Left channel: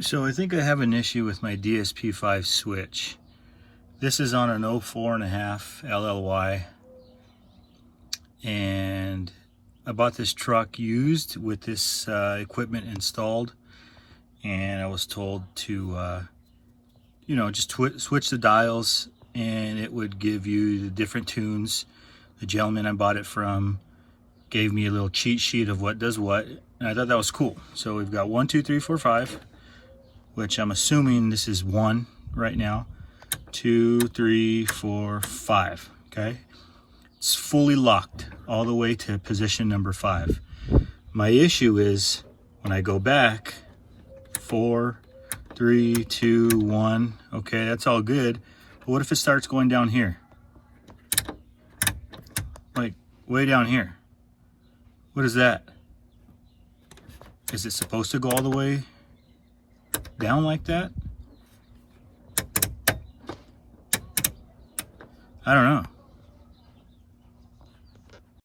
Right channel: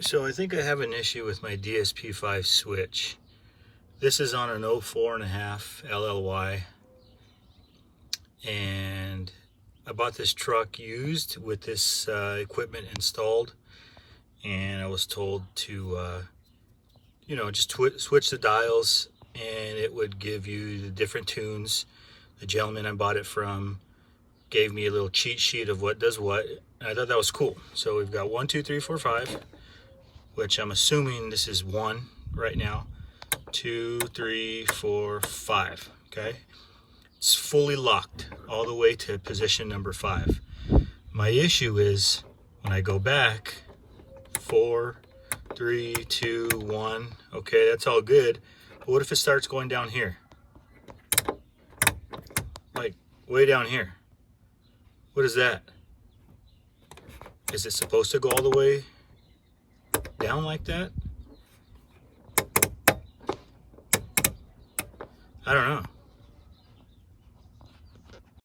So I think I have an issue with my DSP5 switch. This is on an 04.5 LLY, and I bought this truck used with this equipment installed, and I was told to just switch the dials and it would give you the different tunes. The gentleman I bought it from gave me a little cheat sheet of what does what, and I thought that was cool. So we've got 1, 2, 3, 4, 5, which I'm assuming this is 1 right now. 2, 3, 4, 5. Okay, it's fully locked all the way to position number 5. My issue is when I go back, 4, 3, 2, 1. Okay, that's all good. But what if it starts going down here? Like way down here. What is that? Is it supposed to go all the way down like that? I don't know.